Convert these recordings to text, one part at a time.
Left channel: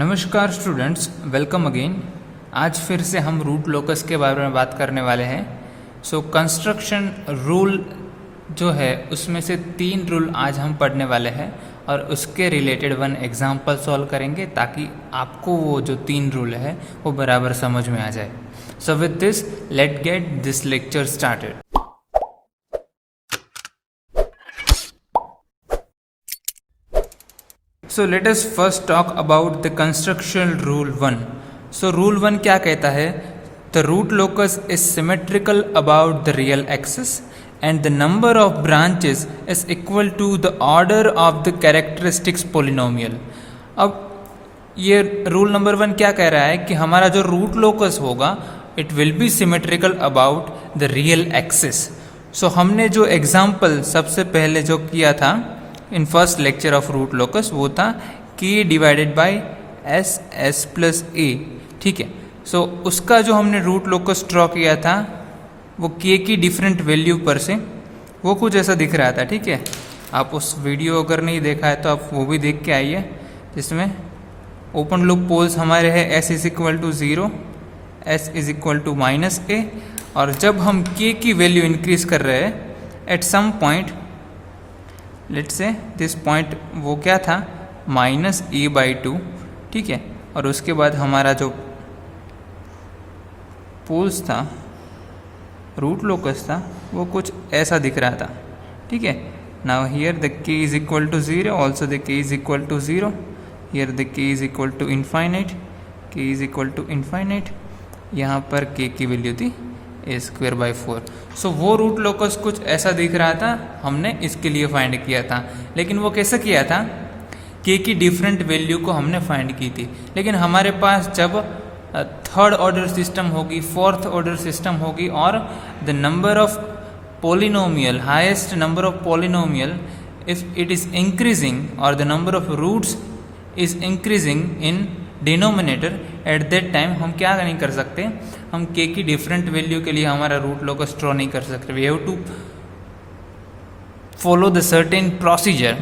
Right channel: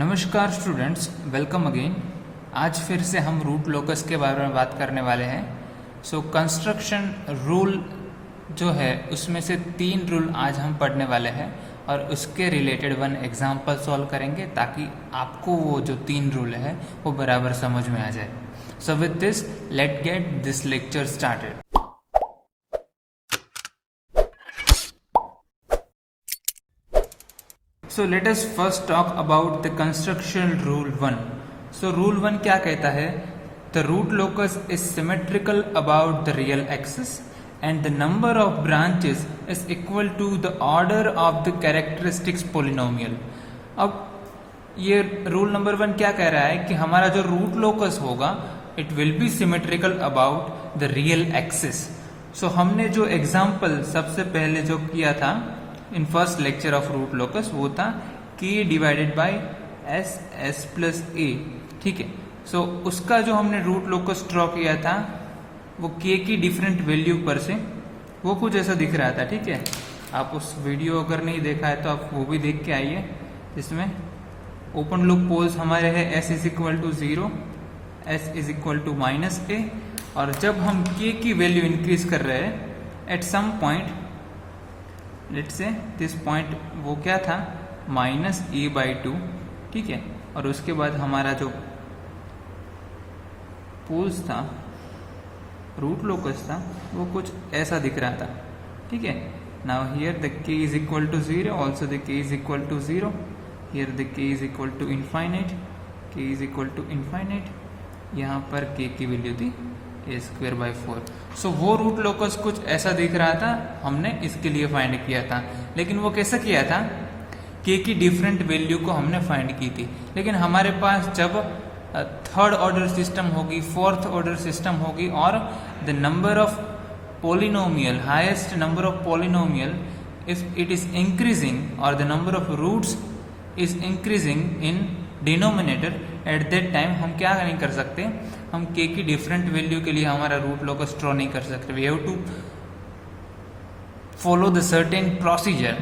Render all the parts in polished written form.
नमस्कार students, welcome again. आज फिर से हम रूट लोकस के बारे में बात करने वाले हैं। कंस्ट्रक्शन रूल जो है उसमें से 3 रूल आज हम पढ़ने वाले हैं और उसके रिलेटेड 1 एग्जाम्पल सॉल्व करेंगे ताकि आपको वो जो 3 रूल है वो बराबर समझ में आ जाए। So with this let get this lecture started. So let us first talk about the construction rule 1. So rule 1 क्या कहता है? The root locus is symmetrical about the real axis and the number of branches is equal to the order of the characteristics polynomial. अब ये rule number 1 क्या कह रहा है कि हमारा जो रूट लोकस होगा it will be symmetrical about the real axis. So हमने जो एग्जाम्पल सबसे पहले जो किया था in first lecture of root locus वो था k divided by S plus A. ठीक है, सो उसका जो हमने रूट लोकस ड्रॉ किया था वो k की डिफरेंट वैल्यू पर से वो कुछ ऐसा दिख रहा था। ठीक है, आप उस वीडियो अगर नहीं देखा है तो आप वो भी देख के आइए, जिसमें ओपन लूप पोल्स हमारे हैं s is equal to 0, s is equal to minus A, और जब हम k की वैल्यू इंक्रीज कर रहे हैं at some point, let's say this point वो क्या था -a/2। ठीक है, और उसके बाद हमारा जो पोल्स था रूट लोकस था वो कुछ ऐसा दिख रहा था। ठीक है, now here the k is equal to 0, also the k is equal to 0, here the k is equal to infinite, k is equal to infinite, यहाँ पर k की वैल्यू थी a²/4। सो वो रूट लोकस कुछ ऐसा दिख रहा था, हमने इसके लिए फाइंड किया था। लेकिन वो कैसे किया था? k की डिफरेंट वैल्यू को हमने फाइंड की थी। लेकिन हमारे पास जब थर्ड ऑर्डर सिस्टम होगी, फोर्थ ऑर्डर सिस्टम होगी और the number of polynomial, highest number of polynomial if it is increasing और the number of roots is increasing in denominator, at that time हम क्या नहीं कर सकते, हम k की डिफरेंट वैल्यू के लिए हमारा रूट लोकस ड्रॉ नहीं कर सकते। We have to follow the certain procedure,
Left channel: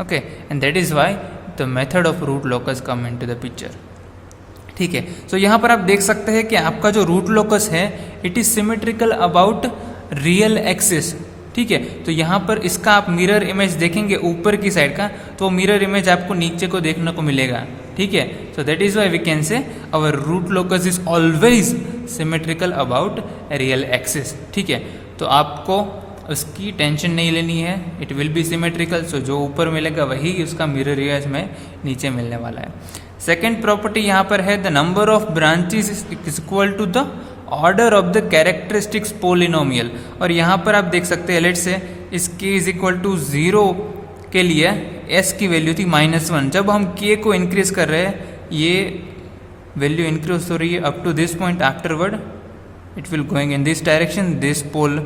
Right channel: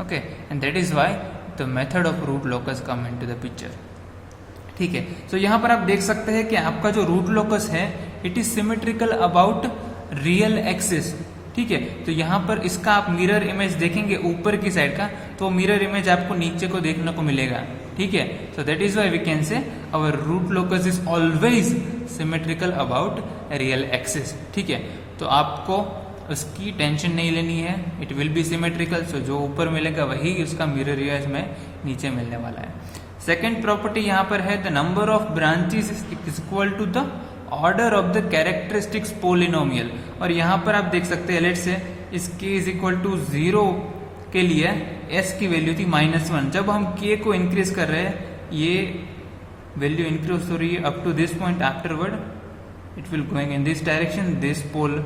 okay, and that is why the method of root locus come into the picture. ठीक है, सो यहाँ पर आप देख सकते हैं कि आपका जो रूट लोकस है it is symmetrical about real axis. ठीक है, तो यहाँ पर इसका आप मिरर इमेज देखेंगे ऊपर की साइड का, तो मिरर इमेज आपको नीचे को देखने को मिलेगा। ठीक है, so that is why we can say our root locus is always symmetrical about real axis. ठीक है, तो आपको उसकी टेंशन नहीं लेनी है, it will be symmetrical. So जो ऊपर मिलेगा वही उसका मिरर इमेज में नीचे मिलने वाला है। सेकेंड प्रॉपर्टी यहाँ पर है the number of branches is equal to the order of the characteristics polynomial. और यहाँ पर आप देख सकते हैं लेट से इस k इज इक्वल टू 0 के लिए s की वैल्यू थी -1। जब हम k को इंक्रीज कर रहे हैं ये वैल्यू इंक्रीज हो रही है up to this point, afterward it will going in this direction, this pole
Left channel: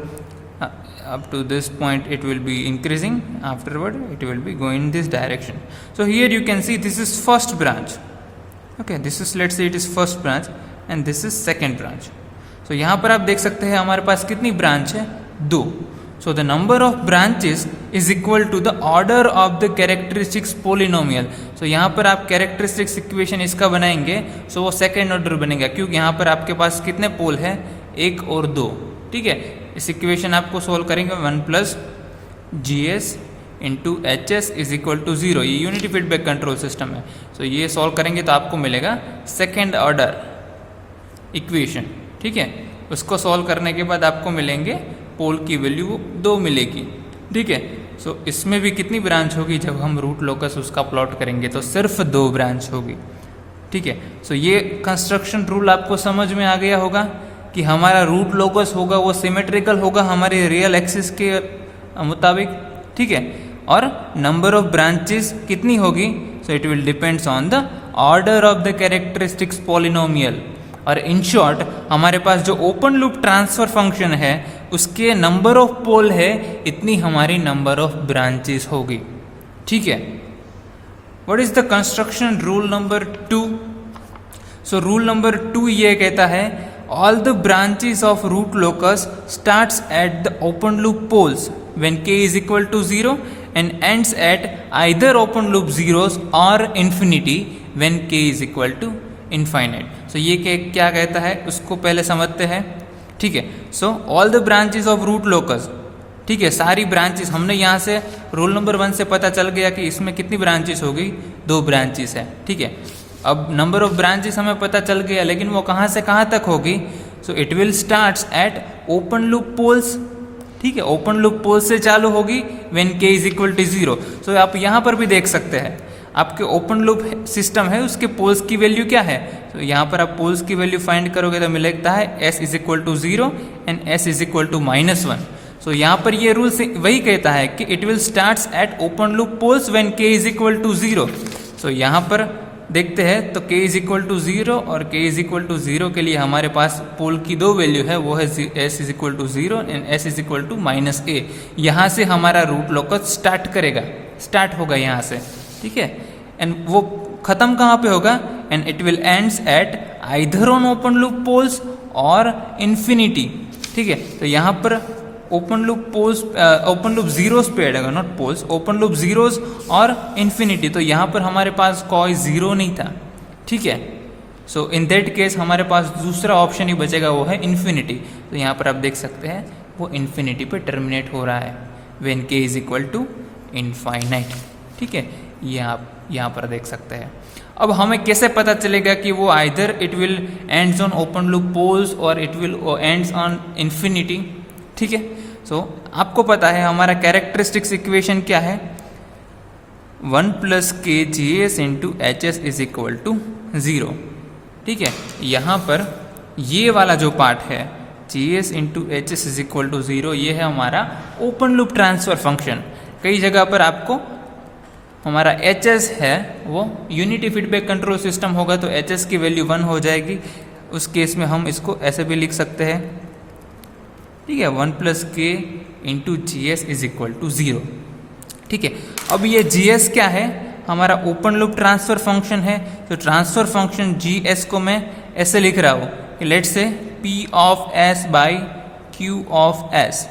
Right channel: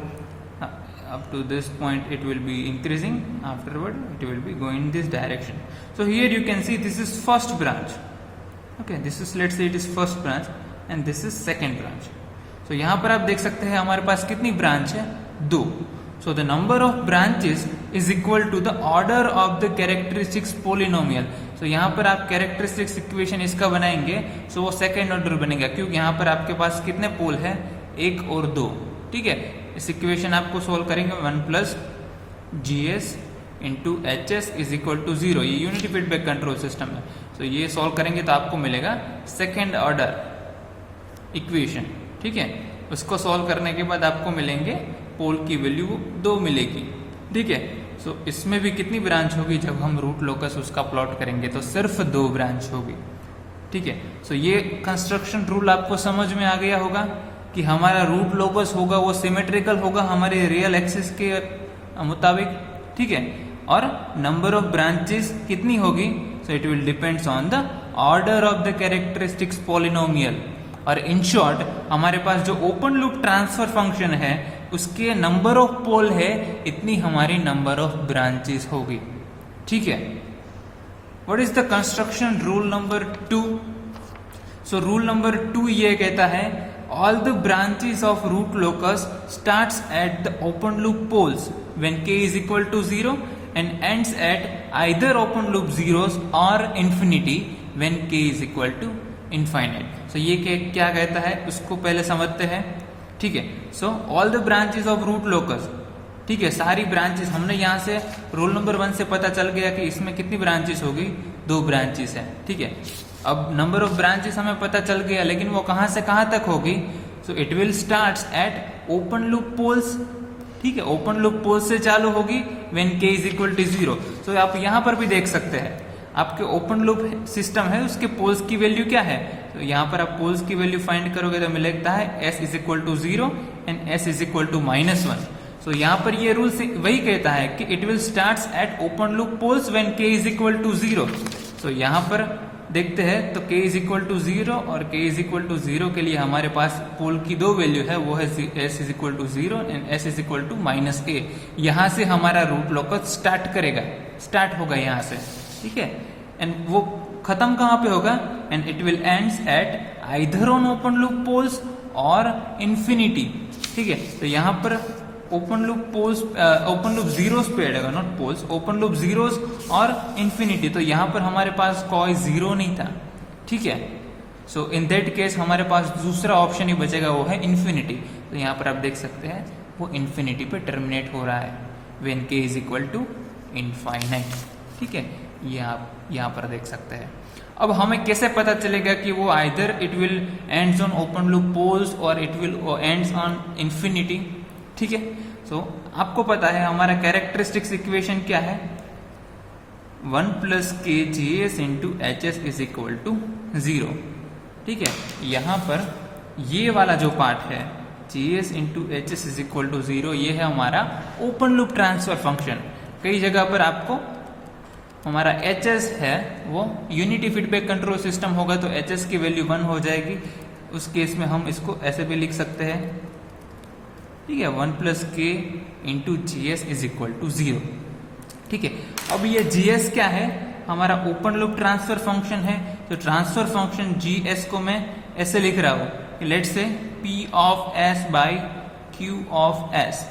up to this point it will be increasing, afterward it will be going in this direction. So here you can see this is first branch, okay, this is, let's say it is first branch and this is second branch. So यहाँ पर आप देख सकते हैं हमारे पास कितनी branch है? 2. So the number of branches is equal to the order of the characteristics polynomial. So यहाँ पर आप characteristics इक्वेशन इसका बनाएंगे, so वो सेकेंड ऑर्डर बनेगा क्योंकि यहाँ पर आपके पास कितने पोल है? 1 और 2। ठीक है, इस इक्वेशन आपको सोल्व करेंगे 1 plus GS into HS is equal to 0। ये यूनिटी फीडबैक कंट्रोल सिस्टम है। सो ये सॉल्व करेंगे तो आपको मिलेगा सेकेंड ऑर्डर इक्वेशन। ठीक है, उसको सॉल्व करने के बाद आपको मिलेंगे पोल की वैल्यू 2 मिलेगी। ठीक है, सो इसमें भी कितनी ब्रांच होगी? जब हम रूट लोकस उसका प्लॉट करेंगे तो सिर्फ 2 ब्रांच होगी। ठीक है, सो ये कंस्ट्रक्शन रूल आपको समझ में आ गया होगा कि हमारा रूट लोकस होगा वो सिमेट्रिकल होगा हमारे रियल एक्सिस के मुताबिक। ठीक है, और नंबर ऑफ ब्रांचेस कितनी होगी? So it will depends on the order of the characteristics polynomial. और इन शॉर्ट हमारे पास जो ओपन लूप ट्रांसफर फंक्शन है उसके नंबर ऑफ पोल है इतनी हमारी नंबर ऑफ ब्रांचेस होगी। ठीक है, what is the construction rule number 2? So rule number 2 ये कहता है all the branches of root locus starts at the open loop poles when k is equal to 0 and ends at either open loop zeros or infinity when k is equal to infinite. So ये क्या कहता है उसको पहले समझते हैं। ठीक है, so all the branches of root locus, ठीक है, सारी ब्रांचेस हमने यहाँ से रूल नंबर 1 से पता चल गया कि इसमें कितनी ब्रांचेस होगी, 2 ब्रांचेस है। ठीक है, अब नंबर ऑफ ब्रांचेस हमें पता चल गया, लेकिन वो कहाँ से कहाँ तक होगी। So it will start at open loop poles. ठीक है, ओपन लूप पोल्स से चालू होगी when k is equal to 0। So आप यहाँ पर भी देख सकते हैं आपके ओपन लूप सिस्टम है, उसके पोल्स की वैल्यू क्या है। तो यहाँ पर आप पोल्स की वैल्यू फाइंड करोगे तो मिलता है s is equal to 0 and s is equal to -1। So यहाँ पर ये रूल वही कहता है कि it will start at open loop poles when k is equal to 0। So यहाँ पर देखते हैं तो k इज इक्वल टू 0 और k इज इक्वल टू 0 के लिए हमारे पास पोल की 2 वैल्यू है, वो है s is equal to 0 and s is equal to -a। यहाँ से हमारा रूट लोकस स्टार्ट होगा यहाँ से। ठीक है, एंड वो खत्म कहाँ पे होगा, and it will ends at either on open loop poles और इन्फिनिटी। ठीक है, तो यहाँ पर ओपन लूप जीरोस पे ऐड होगा, not poles, open loop zeros और इन्फिनिटी। तो यहाँ पर हमारे पास कोई 0 नहीं था। ठीक है, सो इन दैट केस हमारे पास दूसरा ऑप्शन ही बचेगा, वो है इन्फिनिटी। तो यहाँ पर आप देख सकते हैं वो इन्फिनिटी पे टर्मिनेट हो रहा है when k is equal to infinite. ठीक है, ये आप यहाँ पर देख सकते हैं। अब हमें कैसे पता चलेगा कि वो either it will ends on open loop poles और it will ends on infinity. ठीक है, सो आपको पता है हमारा कैरेक्टरिस्टिक्स इक्वेशन क्या है, 1 + k GS × HS is equal to 0। ठीक है, यहाँ पर ये वाला जो पार्ट है GS × HS is equal to 0, ये है हमारा ओपन लूप ट्रांसफर फंक्शन। कई जगह पर आपको हमारा HS है वो यूनिटी फीडबैक कंट्रोल सिस्टम होगा, तो HS की वैल्यू 1 हो जाएगी। उस केस में हम इसको ऐसे भी लिख सकते हैं। ठीक है, 1 + k × GS is equal to 0। ठीक है, अब ये GS क्या है, हमारा ओपन लूप ट्रांसफर फंक्शन है। तो ट्रांसफर फंक्शन GS को मैं ऐसे लिख रहा हूँ, let's say P of S by Q of S।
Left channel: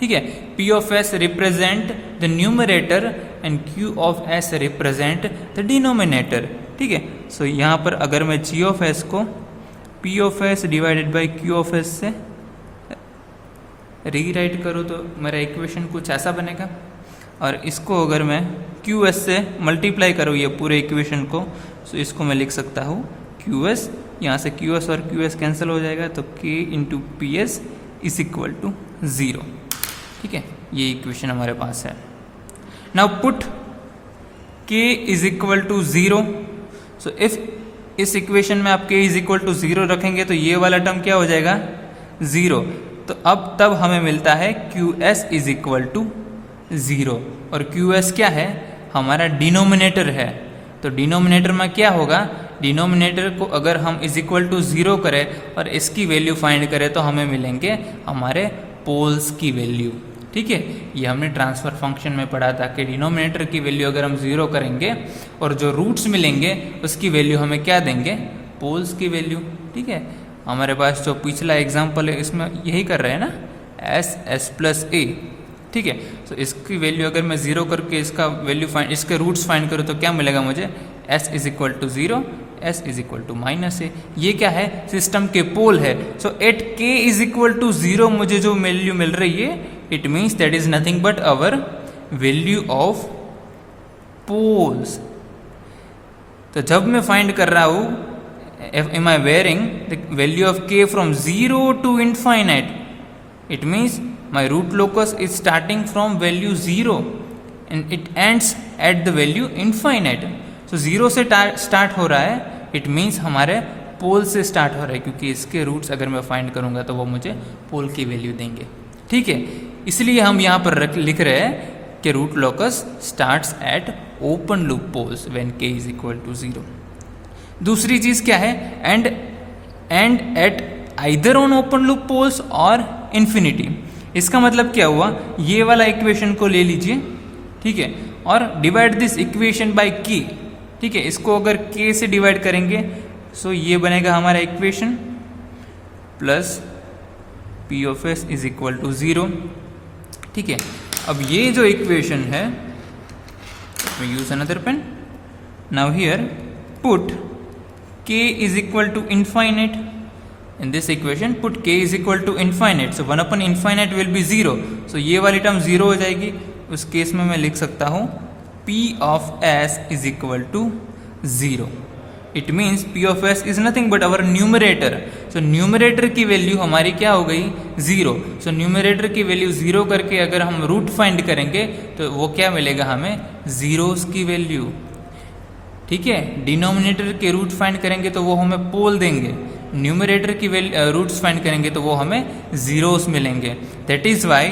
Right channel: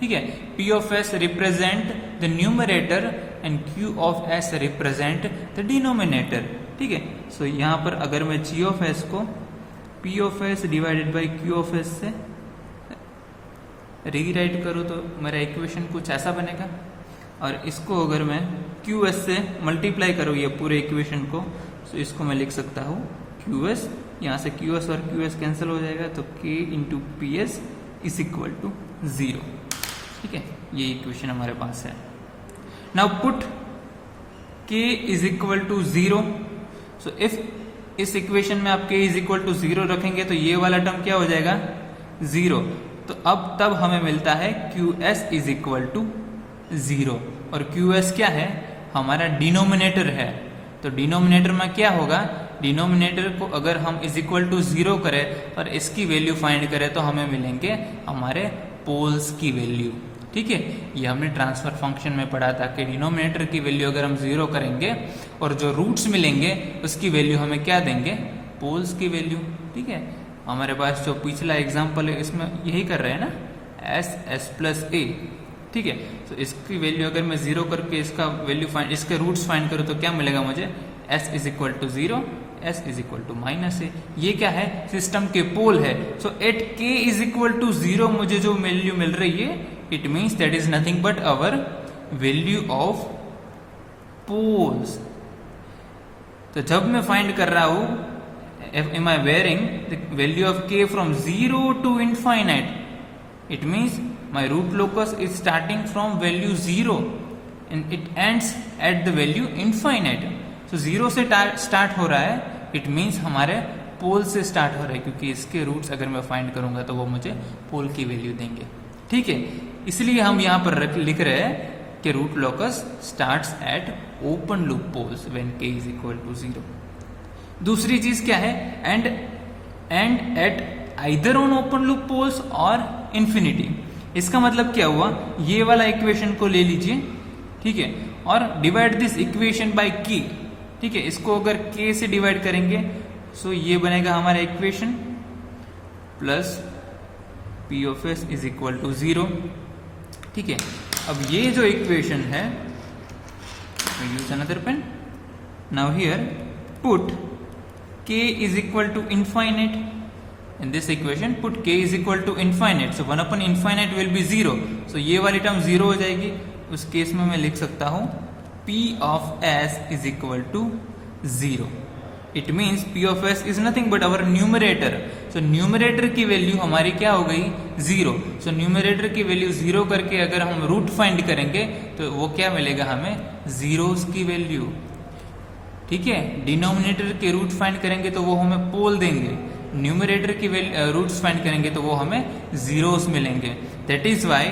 ठीक है, P of S represent the numerator and Q of S represent the denominator. ठीक है, सो यहाँ पर अगर मैं G ऑफ S को P of S divided by Q of S से रीराइट करूँ तो मेरा इक्वेशन कुछ ऐसा बनेगा, और इसको अगर मैं QS से मल्टीप्लाई करूँ ये पूरे इक्वेशन को, तो इसको मैं लिख सकता हूँ QS, यहाँ से QS और QS कैंसिल हो जाएगा, तो K × PS is equal to 0। ठीक है, ये इक्वेशन हमारे पास है। Now put K is equal to 0। So if इस इक्वेशन में आप K इज इक्वल टू 0 रखेंगे तो ये वाला टर्म क्या हो जाएगा, 0। तो अब तब हमें मिलता है QS इज इक्वल टू 0, और QS क्या है, हमारा डिनोमिनेटर है। तो डिनोमिनेटर में क्या होगा, डिनोमिनेटर को अगर हम इज इक्वल टू 0 करें और इसकी वैल्यू फाइंड करें तो हमें मिलेंगे हमारे पोल्स की वैल्यू। ठीक है, ये हमने ट्रांसफर फंक्शन में पढ़ा था कि डिनोमिनेटर की वैल्यू अगर हम 0 करेंगे और जो रूट्स मिलेंगे उसकी वैल्यू हमें क्या देंगे, पोल्स की वैल्यू। ठीक है, हमारे पास जो पिछला एग्जाम्पल है इसमें यही कर रहे हैं ना, S + A। ठीक है, तो इसकी वैल्यू अगर मैं 0 करके इसका वैल्यू इसके रूट्स फाइंड करूँ तो क्या मिलेगा मुझे, S is equal to 0, S is equal to -a। ये क्या है, सिस्टम के पोल है। So at K is equal to 0 मुझे जो वैल्यू मिल रही है, it means that is nothing but our value of poles. तो जब मैं फाइंड कर रहा हूँ am I varying the value of K from 0 to infinite, it means my root locus is starting from value 0 and it ends at the value infinite. So 0 से start हो रहा है, it means हमारे पोल से start हो रहा है, क्योंकि इसके रूट्स अगर मैं फाइंड करूंगा तो वो मुझे पोल की वैल्यू देंगे। ठीक है, इसलिए हम यहाँ पर लिख रहे हैं कि root locus starts at open loop poles when K is equal to 0। दूसरी चीज क्या है, and at either on open loop poles और इन्फिनिटी। इसका मतलब क्या हुआ, ये वाला इक्वेशन को ले लीजिए। ठीक है, और divide this equation by K। ठीक है, इसको अगर K से डिवाइड करेंगे सो ये बनेगा हमारा equation plus P of S is equal to 0। ठीक है, अब ये जो इक्वेशन है, use another pen now here put k is equal to infinite. In this equation put k is equal to infinite, so 1 upon infinite will be 0. So ये वाली term 0 हो जाएगी. उस केस में मैं लिख सकता हूँ p of s is equal to 0. It means p of s is nothing but our numerator. So numerator की वैल्यू हमारी क्या हो गई 0. सो न्यूमरेटर की वैल्यू 0 करके अगर हम रूट फाइंड करेंगे तो वो क्या मिलेगा हमें, जीरोस की वैल्यू. ठीक है, डिनोमिनेटर के रूट फाइंड करेंगे तो वो हमें पोल देंगे, न्यूमरेटर की रूट्स फाइंड करेंगे तो वो हमें जीरोस मिलेंगे. दैट इज वाई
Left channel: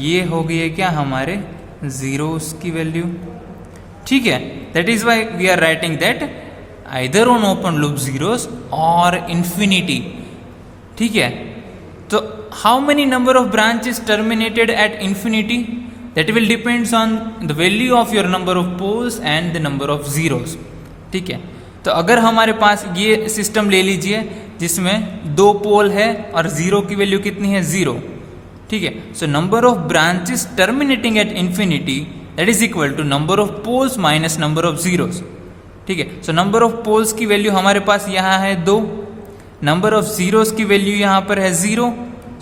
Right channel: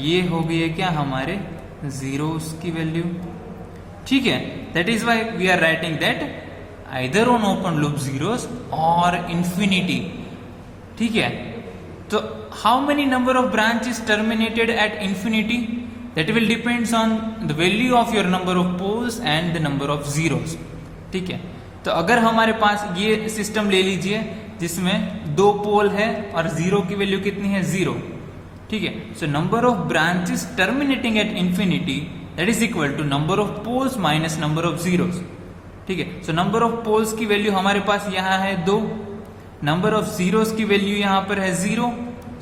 ये हो गई क्या हमारे जीरोस की वैल्यू. ठीक है, that is why we are writing that either on open loop zeros और इंफिनिटी. ठीक है, तो how many number of branches terminated at infinity, that will depends on the value of your number of poles and the number of zeros. ठीक है, तो अगर हमारे पास ये सिस्टम ले लीजिए जिसमें 2 पोल है और 0 की वैल्यू कितनी है 0. ठीक है, so number of branches terminating at infinity that is equal to number of poles minus number of zeros. ठीक है, सो नंबर ऑफ पोल्स की वैल्यू हमारे पास यहाँ है 2, नंबर ऑफ जीरोस की वैल्यू यहाँ पर है 0.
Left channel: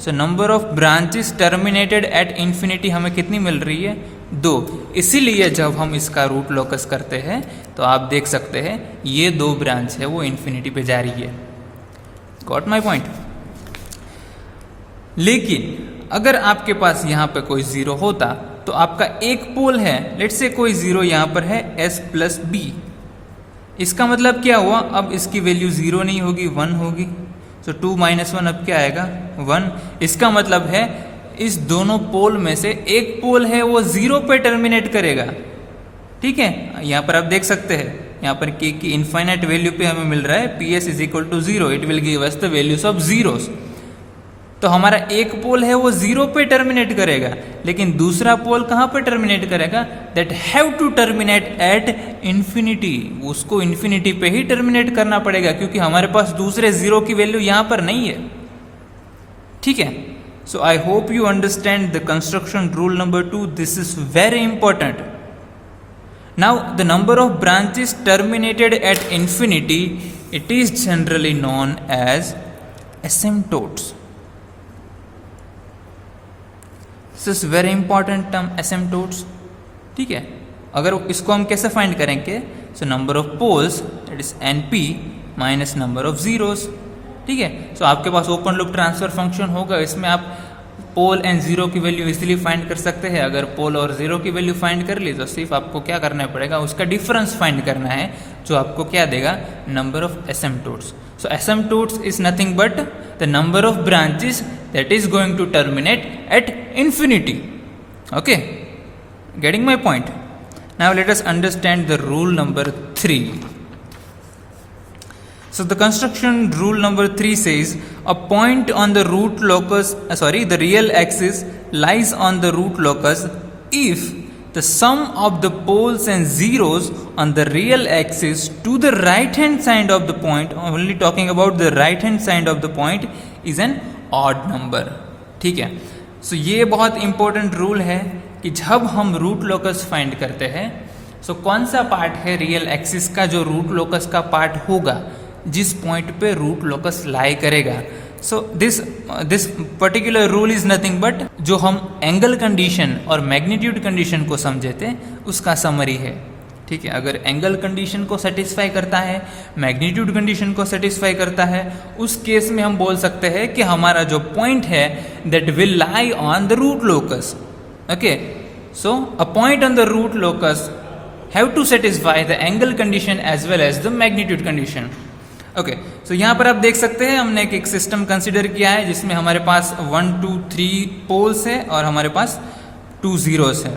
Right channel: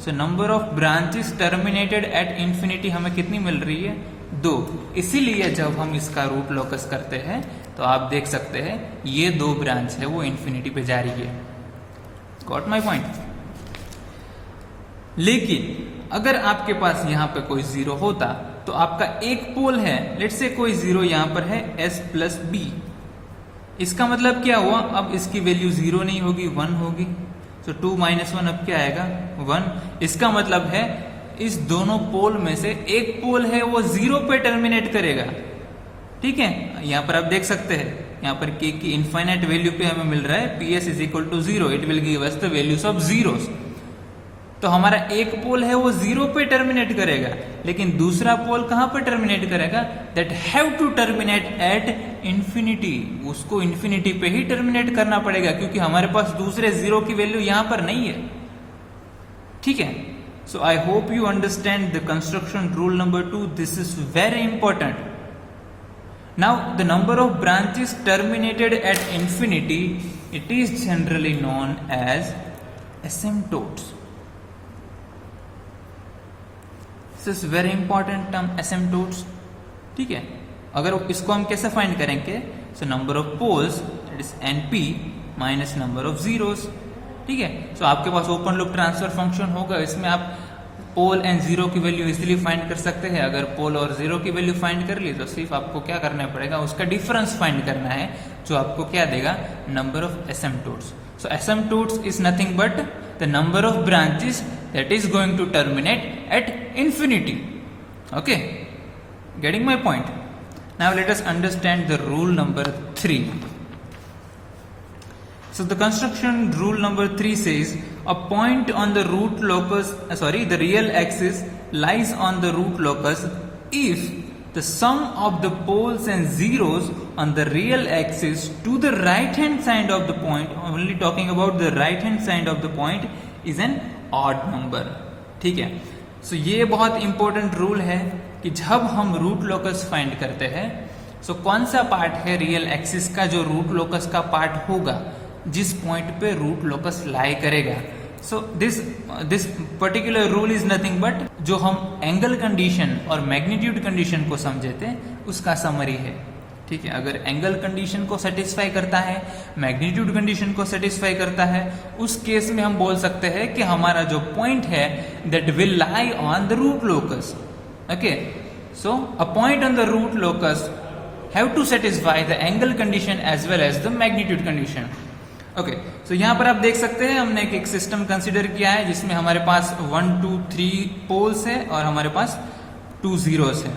So number of branches terminated at infinity हमें कितनी मिल रही है 2. इसीलिए जब हम इसका रूट लोकस करते हैं तो आप देख सकते हैं ये 2 ब्रांच है वो इंफिनिटी पे जा रही है. Got my point. लेकिन अगर आपके पास यहाँ पे कोई 0 होता तो आपका एक पोल है, लेट्स से कोई 0 यहाँ पर है s प्लस बी. इसका मतलब क्या हुआ, अब इसकी वैल्यू 0 नहीं होगी 1 होगी. सो 2 माइनस 1 अब क्या आएगा 1. इसका मतलब है इस दोनों पोल में से एक पोल है वो 0 पे टर्मिनेट करेगा. ठीक है, यहाँ पर आप देख सकते हैं यहाँ पर k की इनफाइनाइट वैल्यू पे हमें मिल रहा है ps is equal to 0. It will give us the values of zeros. तो हमारा एक पोल है वो 0 पे टर्मिनेट करेगा, लेकिन दूसरा पोल कहाँ पे टर्मिनेट करेगा, that have to terminate at infinity. उसको इंफिनिटी पे ही टर्मिनेट करना पड़ेगा क्योंकि हमारे पास दूसरे 0 की वैल्यू यहाँ पर नहीं है. ठीक है, so I hope you understand the construction rule number 2. This is very important. Now the number of branches terminated at infinity, it is generally known as asymptotes. This is very important term asymptotes. ठीक है, अगर इसको हम कैसे find करेंगे, so number of poles that is np minus number of zeros. ठीक है, सो आपके पास ओपन लूप ट्रांसफर फंक्शन होगा, इसमें आप पोल एंड 0 की वैल्यू इजीली फाइंड कर सकते हैं. अगर पोल और 0 की वैल्यू फाइंड कर ली तो सिर्फ आपको क्या करना पड़ेगा, उसका डिफरेंस फाइंड करना है जो आपको क्या देगा, number of asymptotes. So asymptotes is nothing but the number of branches that is going to terminate at infinity. Okay, getting my point. Now let us understand the rule number 3. So the construction rule number 3 says a point on the root locus, the real axis lies on the root locus if the sum of the poles and zeros on the real axis to the right hand side of the point, only talking about the right hand side of the point, is an odd number. ठीक है, so ये बहुत important rule है कि जब हम root locus find करते हैं so कौन सा पार्ट है रियल एक्सिस का जो रूट लोकस का पार्ट होगा, जिस पॉइंट पे रूट लोकस लाई करेगा. So this particular rule is nothing but जो हम एंगल कंडीशन और मैग्नीट्यूड कंडीशन को समझे थे उसका समरी है. ठीक है, अगर एंगल कंडीशन को सेटिस्फाई करता है, मैग्नीट्यूड कंडीशन को सेटिस्फाई करता है, उस केस में हम बोल सकते हैं कि हमारा जो पॉइंट है that will lie on the root locus. Okay, so a point on the root locus have to satisfy the angle condition as well as the magnitude condition. Okay, so यहाँ पर आप देख सकते हैं हमने एक सिस्टम कंसिडर किया है जिसमें हमारे पास 1 2 3 पोल्स है और हमारे पास 2 जीरोस है.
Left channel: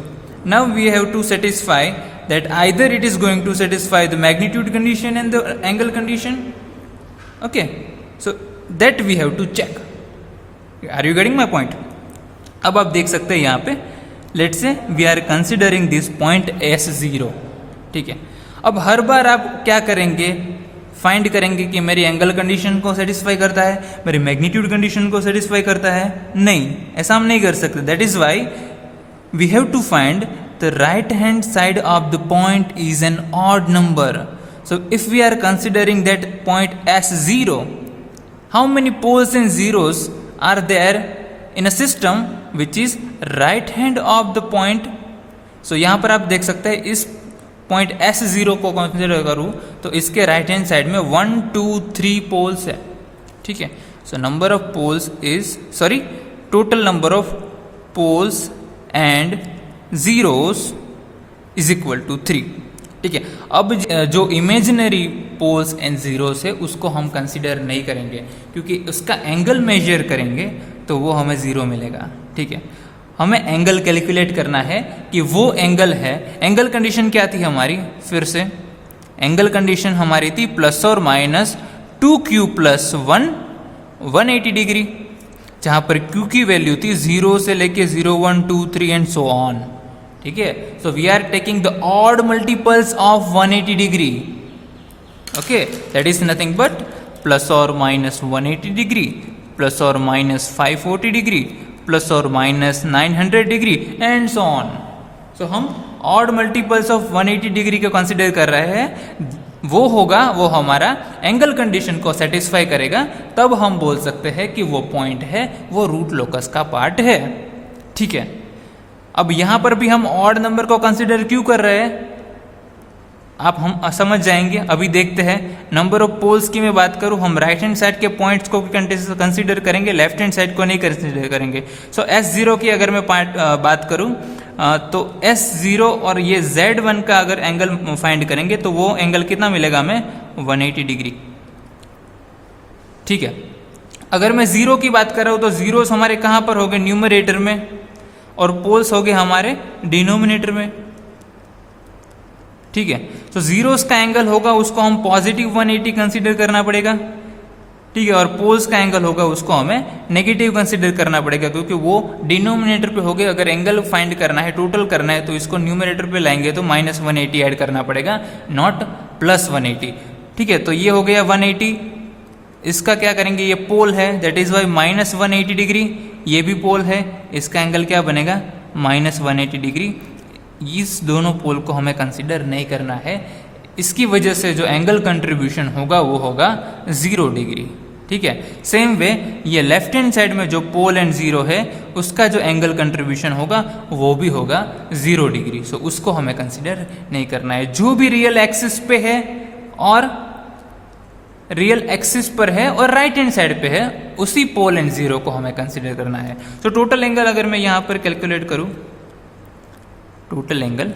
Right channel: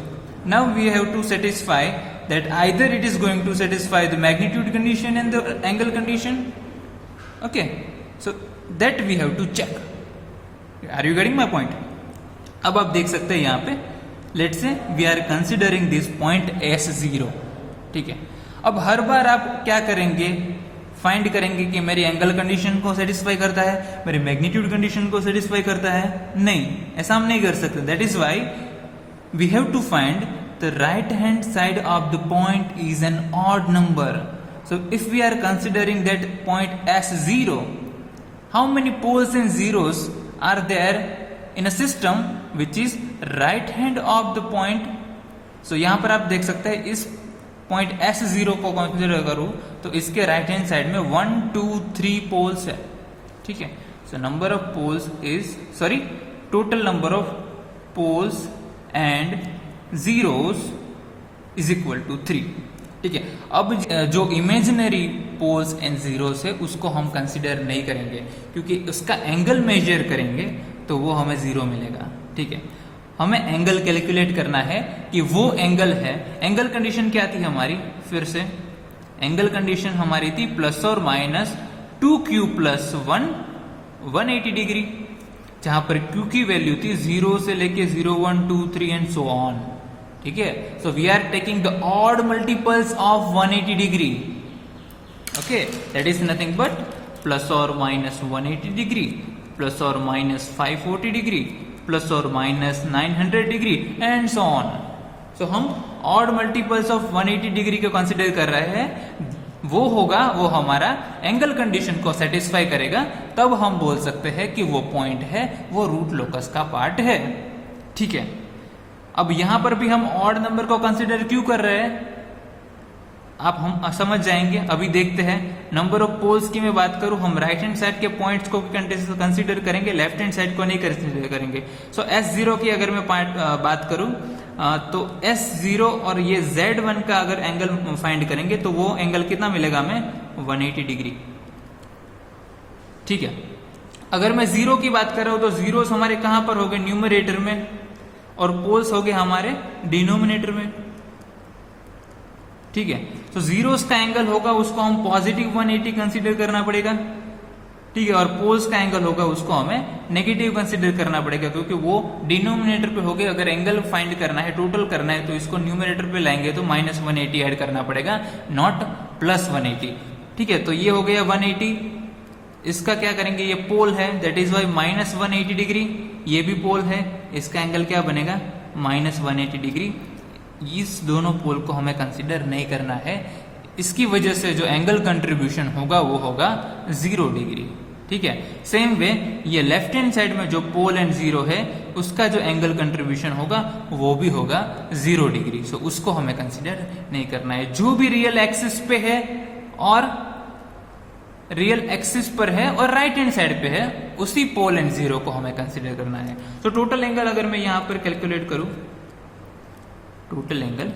Now we have to satisfy that either it is going to satisfy the magnitude condition and the angle condition. Okay, so that we have to check. Are you getting my point? अब आप देख सकते हैं यहाँ पे let's say we are considering this point S0. ठीक है, अब हर बार आप क्या करेंगे, फाइंड करेंगे कि मेरी एंगल कंडीशन को सेटिस्फाई करता है, मेरी मैग्नीट्यूड कंडीशन को सेटिस्फाई करता है. नहीं, ऐसा हम नहीं कर सकते. That is why we have to find the right hand side of the point is an odd number. So if we are considering that point S0, how many poles and zeros are there in a system which is right hand of the point? So यहाँ पर आप देख सकते हैं इस point S0 को consider करूँ तो इसके राइट हैंड साइड में 1 2 3 पोल्स है, ठीक है. So number of poles is total number of poles and zeros is equal to 3, ठीक है. अब जो इमेजिनरी पोल्स एंड जीरोस है उसको हम कंसिडर नहीं करेंगे क्योंकि उसका एंगल मेजर करेंगे तो वो हमें जीरो मिलेगा, ठीक है. हमें एंगल कैलकुलेट करना है कि वो एंगल है. एंगल कंडीशन क्या थी हमारी, फिर से एंगल कंडीशन हमारी थी प्लस और माइनस 2q प्लस 1 180 डिग्री, जहां पर q की वैल्यू थी 0 से लेके 0 1 2 3 एंड सो ऑन, ठीक है. So we are taking the odd multiples of 180 degree, okay. That is nothing but plus और माइनस 180 डिग्री प्लस और माइनस 540 डिग्री प्लस और minus 900 degree and so on. So हम odd multiples of 180 degree को consider कर रहे हैं. वो हमारा एंगल कंडीशन को सेटिस्फाई करेगा, तब हम बोल सकते हैं कि वो पॉइंट है, वो रूट लोकस का पार्ट है, ठीक है. अब यहां पर भी हम ऑड नंबर को कंसिडर क्यों कर रहे हैं आप हम समझ जाएंगे. अभी देखते हैं. नंबर ऑफ पोल्स की मैं बात करूं, हम राइट हैंड साइड के पॉइंट्स को कंसिडर करेंगे, लेफ्ट हैंड साइड को नहीं कंसिडर करेंगे. सो S0 की अगर मैं बात करूं तो S0 और ये Z1 का अगर एंगल फाइंड करेंगे तो वो एंगल कितना मिलेगा हमें 180 डिग्री, ठीक है. अगर मैं जीरो की बात कर रहा हूं तो जीरोस हमारे कहां पर हो गए, न्यूमरेटर में, और पोल्स हो गए हमारे डिनोमिनेटर में, ठीक है. तो जीरोस का एंगल होगा उसको हम पॉजिटिव 180 कंसीडर करना पड़ेगा, ठीक है. और पोल्स का एंगल होगा उसको हमें नेगेटिव कंसीडर करना पड़ेगा क्योंकि वो डिनोमिनेटर पे हो गए. अगर एंगल फाइंड करना है, टोटल करना है, तो इसको न्यूमरेटर पे लाएंगे तो माइनस 180 ऐड करना पड़ेगा, नॉट प्लस 180, ठीक है. तो ये हो गया 180. इसका क्या करेंगे, ये पोल है, that is why minus 180 degree. ये भी पोल है, इसका एंगल क्या बनेगा माइनस 180 डिग्री. इस दोनों पोल को हमें कंसिडर नहीं करना है. इसकी वजह से जो एंगल कंट्रीब्यूशन होगा वो होगा 0 डिग्री, ठीक है. सेम वे ये लेफ्ट हैंड साइड में जो पोल एंड जीरो है उसका जो एंगल कंट्रीब्यूशन होगा वो भी होगा 0 डिग्री. सो उसको हमें कंसिडर नहीं करना है. जो भी रियल एक्सिस पे है और रियल एक्सिस पर है और राइट हैंड साइड पे है उसी पोल एंड जीरो को हमें कंसिडर करना है. तो टोटल एंगल अगर मैं यहां पर कैलकुलेट करूं, टोटल एंगल,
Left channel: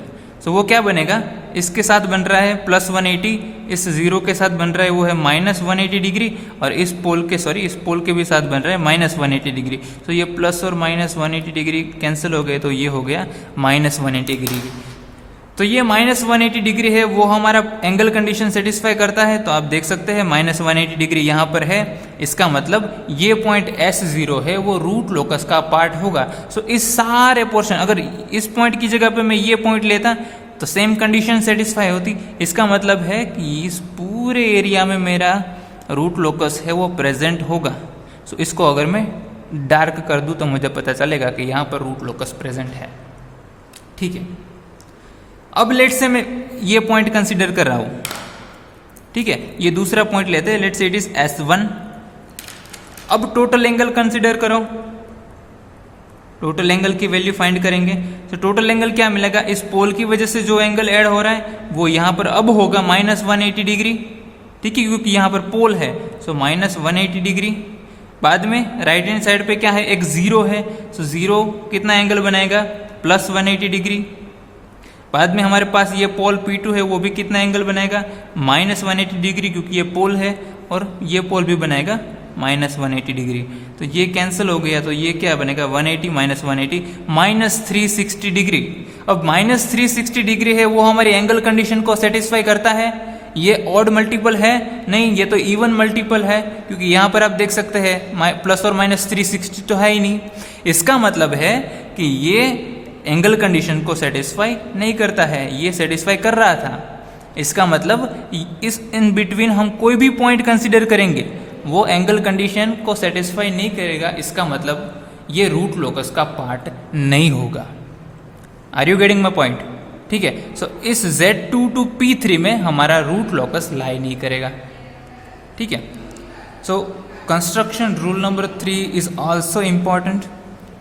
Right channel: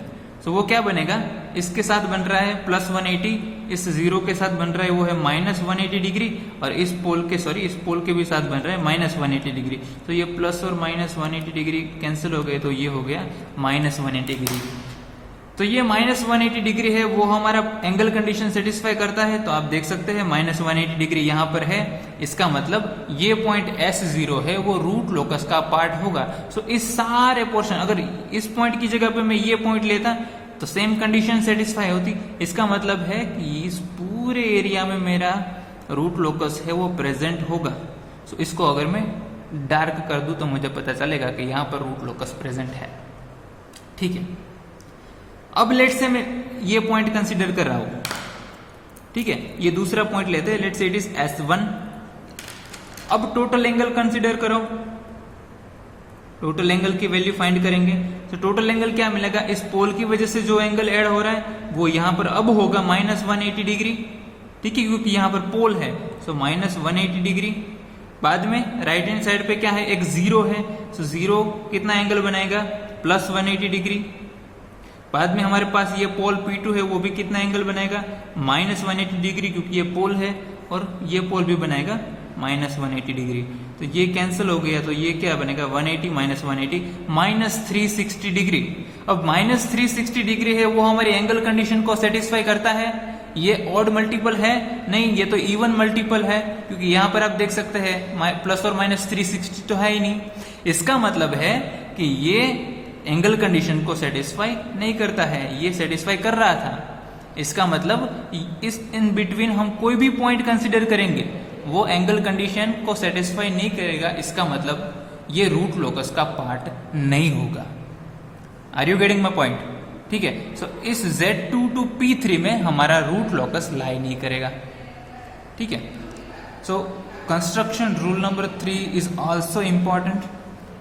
सो वो क्या बनेगा, इसके साथ बन रहा है प्लस 180, इस जीरो के साथ बन रहा है वो है माइनस 180 डिग्री, और इस पोल के भी साथ बन रहा है माइनस 180 डिग्री. तो ये प्लस और माइनस 180 डिग्री कैंसिल हो गए तो ये हो गया माइनस 180 डिग्री. तो ये माइनस 180 डिग्री है, वो हमारा एंगल कंडीशन सेटिस्फाई करता है. तो आप देख सकते हैं माइनस 180 डिग्री यहाँ पर है. इसका मतलब ये पॉइंट S0 है वो रूट लोकस का पार्ट होगा. सो इस सारे पोर्शन, अगर इस पॉइंट की जगह पे मैं ये पॉइंट लेता तो सेम कंडीशन सेटिस्फाई होती. इसका मतलब है कि इस पूरे एरिया में मेरा रूट लोकस है वो प्रेजेंट होगा. सो इसको अगर मैं डार्क कर दूं तो मुझे पता चलेगा कि यहाँ पर रूट लोकस प्रेजेंट है, ठीक है. अब लेट से मैं ये पॉइंट कंसीडर कर रहा हूं, ठीक है. ये दूसरा पॉइंट लेते हैं, लेट से इट इज S1. अब टोटल एंगल कंसीडर करो, टोटल एंगल की वैल्यू फाइंड करेंगे. तो टोटल एंगल क्या मिलेगा, इस पोल की वजह से जो एंगल ऐड हो रहा है वो यहां पर अब होगा माइनस 180 डिग्री, ठीक है, क्योंकि यहां पर पोल है. So minus 180 degree. बाद में राइट हैंड साइड पे क्या है, एक जीरो है. सो जीरो कितना एंगल बनाएगा, प्लस 180 डिग्री. बाद में हमारे पास ये पोल P2 है, वो भी कितना एंगल बनाएगा, माइनस 180 डिग्री, क्योंकि ये पोल है, और ये पोल भी बनाएगा माइनस 180 डिग्री. तो ये कैंसिल हो गया, तो ये क्या बनेगा 180 माइनस 180 माइनस 360 डिग्री. अब माइनस 360 डिग्री है वो हमारी एंगल कंडीशन को सेटिस्फाई करता है. ये ऑड मल्टीपल है नहीं, ये तो इवन मल्टीपल है, क्योंकि यहाँ पर आप देख सकते हैं प्लस और माइनस 360 तो है ही नहीं. इसका मतलब है कि ये एंगल कंडीशन को सेटिस्फाई नहीं करता है, ये सेटिस्फाई कर रहा था. इसका मतलब इस इन बिटवीन हम कोई भी पॉइंट कंसीडर करेंगे वो एंगल कंडीशन को सेटिस्फाई नहीं करेगा. इसका मतलब ये रूट लोकस का पार्ट नहीं होगा. Are you getting my point, ठीक है। सो इस Z2 to P3 में हमारा रूट लॉकस लाई नहीं करेगा, ठीक है। So construction rule number 3 is also important,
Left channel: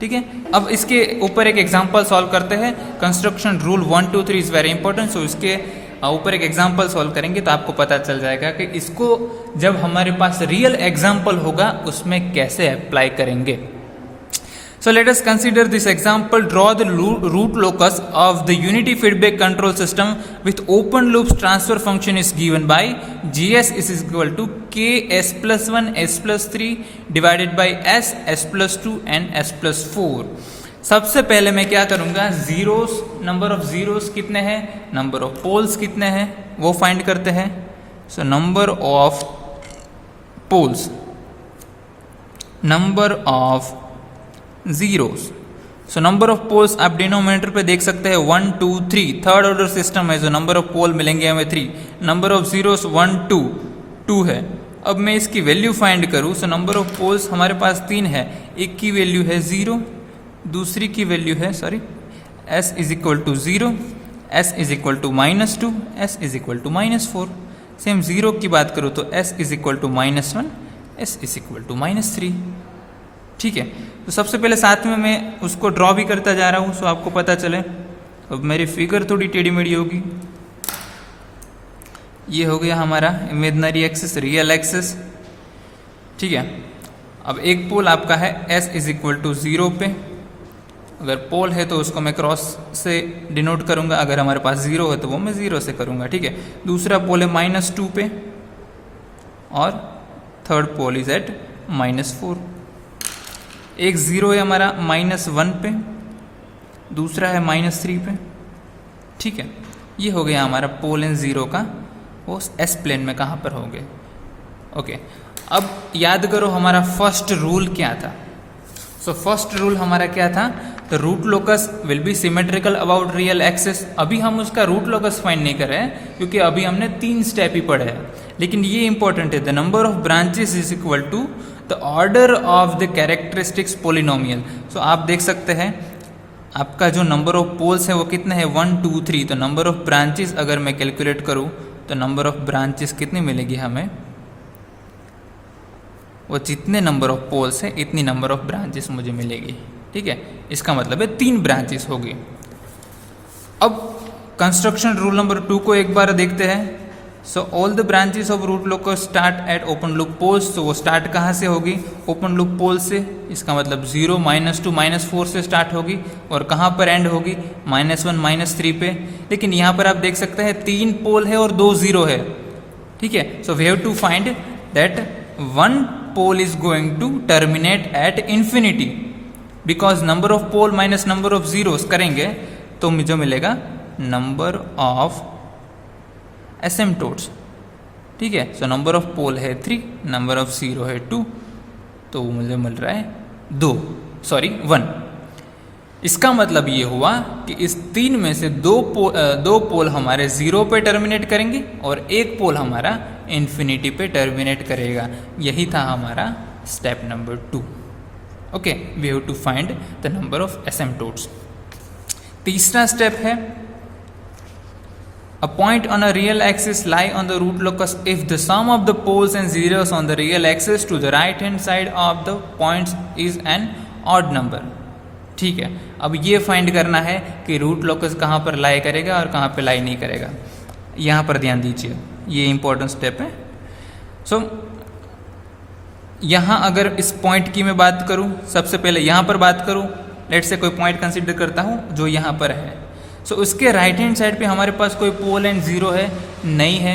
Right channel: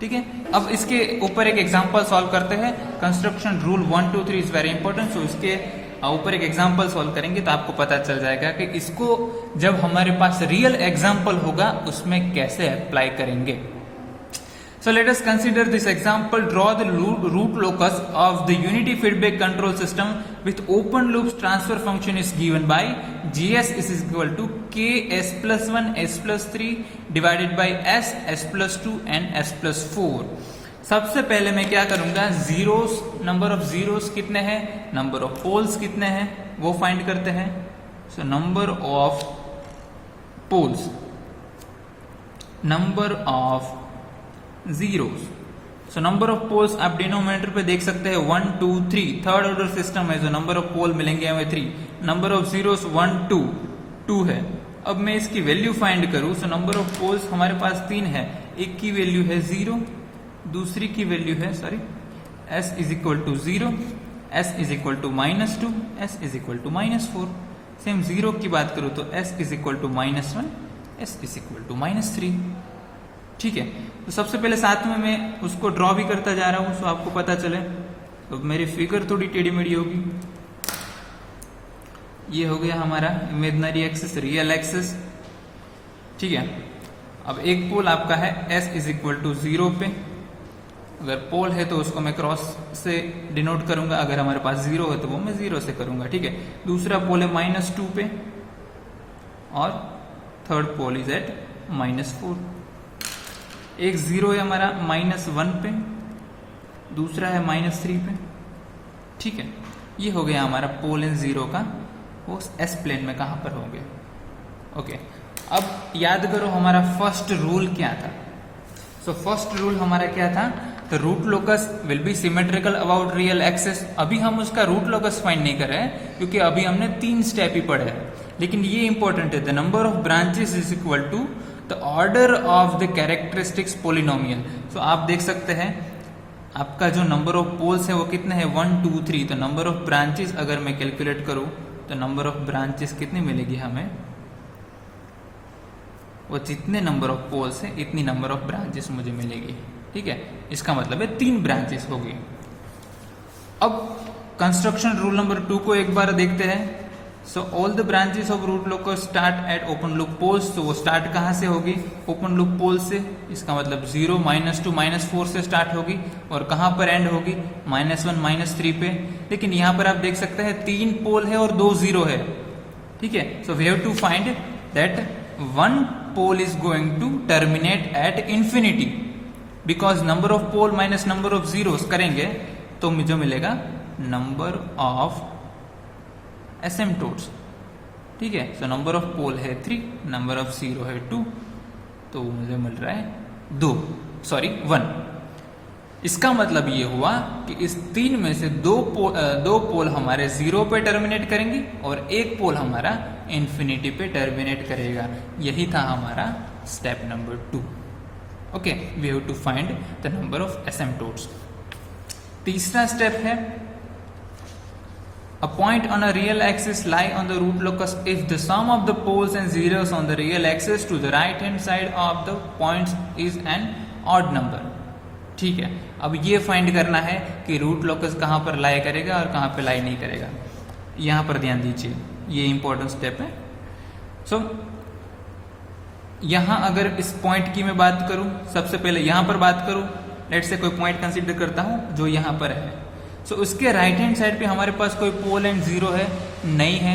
ठीक है। अब इसके ऊपर एक एग्जाम्पल सॉल्व करते हैं। Construction rule 1 2 3 is very important. So इसके ऊपर एक एग्जाम्पल सॉल्व करेंगे तो आपको पता चल जाएगा कि इसको जब हमारे पास रियल एग्जाम्पल होगा उसमें कैसे अप्लाई करेंगे। So let us consider this example. Draw the root locus of the unity feedback control system with open loops transfer function is given by GS is equal to K S plus 1 S plus 3 divided by S S plus 2 and S plus 4. सबसे पहले मैं क्या करूंगा, zeros, number of zeros कितने हैं, number of poles कितने हैं वो फाइंड करते हैं। So number of poles, number of zeros. So number of poles आप डिनोमिनेटर पे देख सकते हैं 1 2 3, थर्ड ऑर्डर सिस्टम है, जो नंबर ऑफ पोल मिलेंगे हमें 3, नंबर ऑफ जीरोस 1 2 2 है। अब मैं इसकी वैल्यू फाइंड करूं, सो नंबर ऑफ पोल्स हमारे पास 3 है, एक की वैल्यू है 0, दूसरी की वैल्यू है s is equal to 0, s is equal to -2, s is equal to -4। Same 0 की बात करूं तो s is equal to -1, s is equal to -3, ठीक है। तो सबसे पहले साथ में मैं उसको ड्रॉ भी करता जा रहा हूं, सो आपको पता चले। अब मेरी फिगर थोड़ी टेढ़ी मेढ़ी होगी। ये हो गया हमारा इमेजिनरी एक्सिस, रियल एक्सिस, ठीक है। अब एक पोल आपका है s इज इक्वल टू 0 पे, अगर पोल है तो उसको मैं क्रॉस से डिनोट करूंगा, अगर हमारे पास 0 है तो वो मैं 0 से करूंगा, ठीक है। दूसरा पोल है -2 पे और थर्ड पोल इज एट -4। एक 0 है हमारा -1 पे, दूसरा है -3 पे, ठीक है। ये हो गया हमारा पोल इन 0 का, वो एस प्लेन में कहाँ पर होंगे, ओके। अब याद करो हमारा फर्स्ट रूल क्या था। सो फर्स्ट रूल हमारा क्या था, the root locus will be symmetrical about real axis. अभी हम उसका रूट लोकस फाइंड नहीं कर रहे हैं क्योंकि अभी हमने 3 स्टेप ही पढ़े हैं, लेकिन ये इंपॉर्टेंट है, the number of branches is equal to the order of the characteristics polynomial. So आप देख सकते हैं आपका जो नंबर ऑफ पोल्स है वो कितने हैं, 1 2 3। तो नंबर ऑफ ब्रांचेस अगर मैं कैलकुलेट करूँ तो नंबर ऑफ ब्रांचेस कितनी मिलेगी हमें, वो जितने नंबर ऑफ पोल्स है इतनी नंबर ऑफ ब्रांचेस मुझे मिलेगी, ठीक है। इसका मतलब है 3 ब्रांचेस होगी। अब कंस्ट्रक्शन रूल नंबर 2 को एक बार देखते हैं। So all the branches of root locus start at open loop poles. तो वो स्टार्ट कहाँ से होगी, ओपन लूप पोल से। इसका मतलब 0 -2 -4 से स्टार्ट होगी और कहाँ पर एंड होगी, -1 -3 पे। लेकिन यहाँ पर आप देख सकते हैं 3 पोल है और 2 0 है, ठीक है। So we have to find that 1 pole is going to terminate at infinity, because number of pole minus number of zeros करेंगे तो मुझे मिलेगा नंबर ऑफ एसिम्पटोट्स, ठीक है। सो नंबर ऑफ पोल है 3, नंबर ऑफ जीरो है 2, तो मुझे मिल रहा है 1। इसका मतलब ये हुआ कि इस 3 में से 2 पोल हमारे 0 पे टर्मिनेट करेंगे और एक पोल हमारा इन्फिनिटी पे टर्मिनेट करेगा। यही था हमारा step number 2, okay. We have to find the number of asymptotes. तीसरा स्टेप है, a point on a real axis lie on the root locus if the sum of the poles and zeros on the real axis to the right hand side of the points is an odd number, ठीक है। अब ये find करना है कि root locus कहाँ पर लाई करेगा और कहाँ पे लाई नहीं करेगा। यहाँ पर ध्यान दीजिए, ये इंपॉर्टेंट स्टेप है। सो यहाँ अगर इस पॉइंट की मैं बात करूँ, सबसे पहले यहाँ पर बात करूँ, लेट से कोई पॉइंट कंसीडर करता हूँ जो यहाँ पर है। सो उसके राइट हैंड साइड पे हमारे पास कोई पोल एंड जीरो है नहीं है,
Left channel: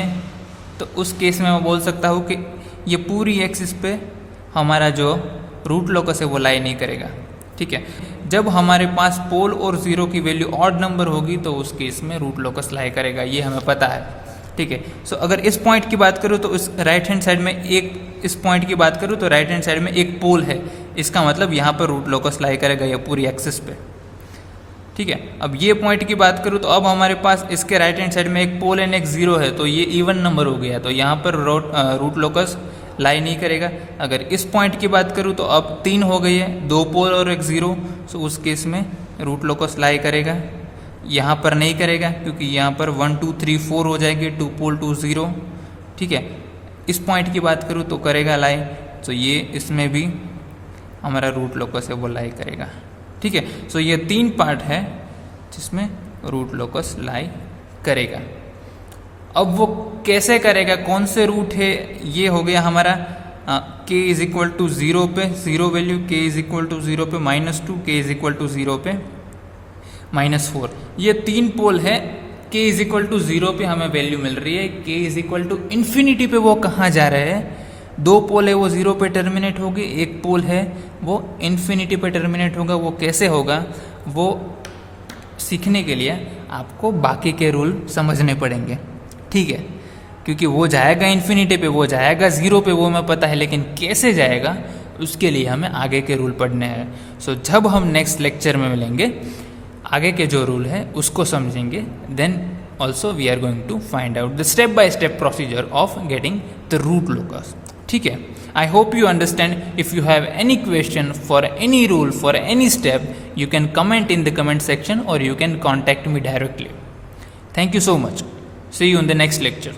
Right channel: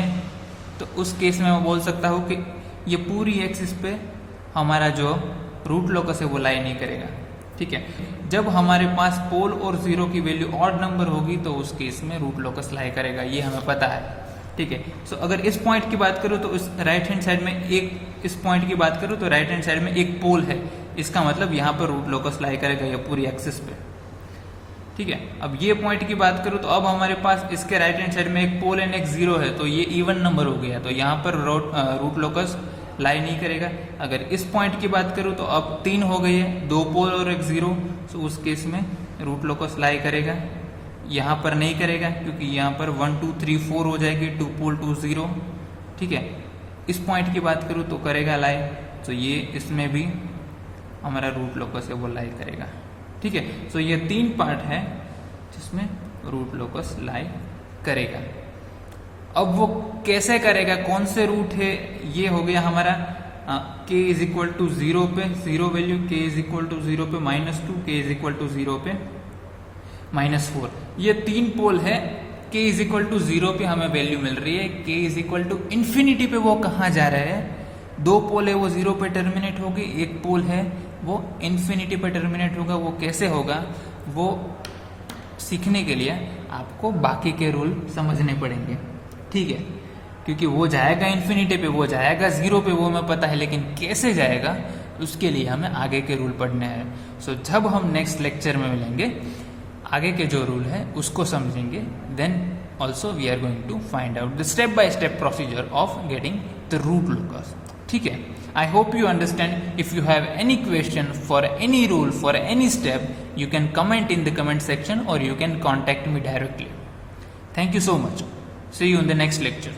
तो उस केस में मैं बोल सकता हूँ कि ये पूरी एक्सिस पे हमारा जो रूट लोकस है वो लाई नहीं करेगा, ठीक है। जब हमारे पास पोल और जीरो की वैल्यू ऑड नंबर होगी तो उस केस में रूट लोकस लाई करेगा, ये हमें पता है, ठीक है। सो अगर इस पॉइंट की बात करूँ तो इस राइट हैंड साइड में इस पॉइंट की बात करूँ तो राइट हैंड साइड में एक पोल है, इसका मतलब यहाँ पर रूट लोकस लाई करेगा ये पूरी एक्सिस पे, ठीक है। अब ये पॉइंट की बात करूँ तो अब हमारे पास इसके राइट हैंड साइड में एक पोल एंड एक जीरो है, तो ये इवन नंबर हो गया, तो यहाँ पर रूट लोकस लाई नहीं करेगा। अगर इस पॉइंट की बात करूँ तो अब 3 हो गई है, 2 पोल और एक जीरो, तो उस केस में रूट लोकस लाई करेगा। यहाँ पर नहीं करेगा क्योंकि यहाँ पर 1 2 3 4 हो जाएगी, 2 पोल 2 0, ठीक है। इस पॉइंट की बात करूँ तो करेगा लाई, तो ये इसमें भी हमारा रूट लोकस है वो लाई करेगा, ठीक है। सो ये 3 पार्ट है जिसमें रूट लोकस लाई करेगा। अब वो कैसे करेगा, कौन से रूट है, ये हो गया हमारा k इज इक्वल टू 0 पे 0 value, k is equal to 0 पे -2, k इज इक्वल टू 0 पे -4। ये 3 पोल है, k इज इक्वल टू 0 पे हमें वैल्यू मिल रही है, k is equal to infinity पे वो कहाँ जा रहे हैं, 2 पोल है वो 0 पे टर्मिनेट होगी, 1 पोल है वो इन्फिनिटी पे टर्मिनेट होगा। वो कैसे होगा, वो सीखने के लिए आपको बाकी के रूल समझने पड़ेंगे, ठीक है। क्योंकि वो जाएगा इन्फिनिटी पे, वो जाएगा 0 पे, वो हमें पता है, लेकिन कैसे जाएगा उसके लिए हमें आगे के रूल पढ़ने हैं। सो जब हम नेक्स्ट लेक्चर में मिलेंगे, आगे के जो रूल है उसको समझेंगे, then also we are going to find out the step by step procedure of getting the root locus, ठीक है। I hope you understand. If you have any question for any rule, for any step, you can comment in the comment section or you can contact me directly. Thank you so much. See you in the next lecture.